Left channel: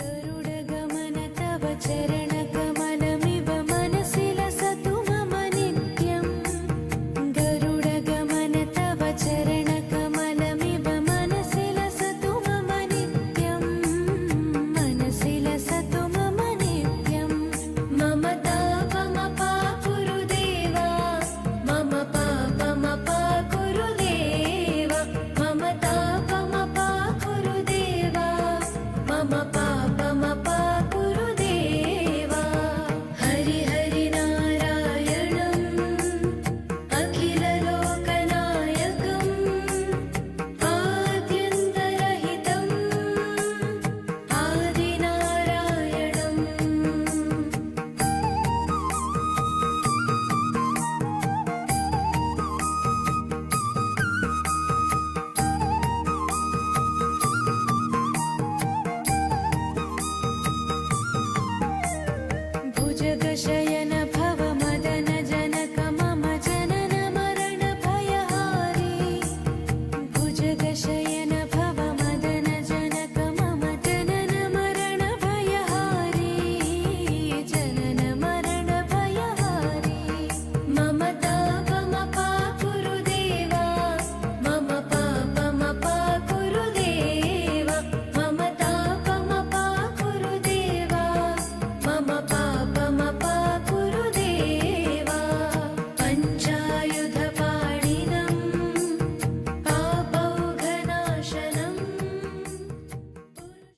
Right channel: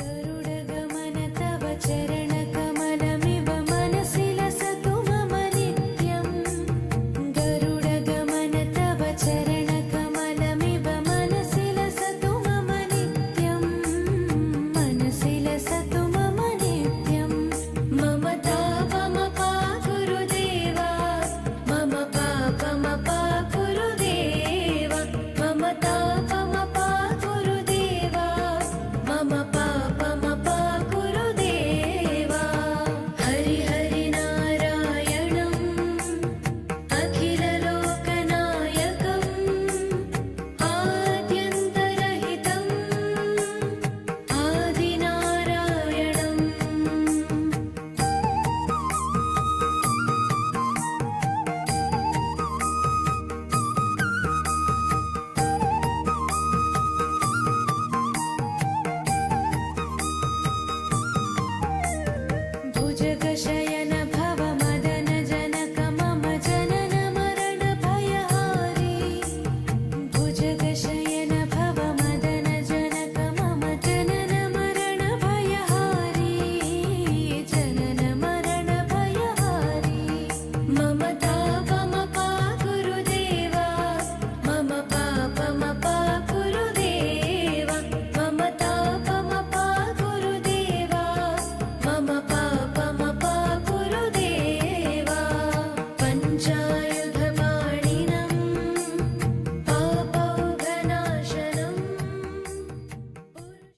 गरुडगमन तव चरणकमलमिव मनसि लसतु मम नित्यम्। गरुडगमन तव चरणकमलमिव मनसि लसतु मम नित्यम्। मनसि लसतु मम नित्यम्। मम तापमपा गुरुदेवा, मम पापमपा गुरुदेवा, मम तापमपा गुरुदेवा, मम पापमपा गुरुदेवा। हरि हरि नारायणम् अखिललोकनायकम् आद्यन्तरहितम् आदिनारायणम्। भुजगशयन भव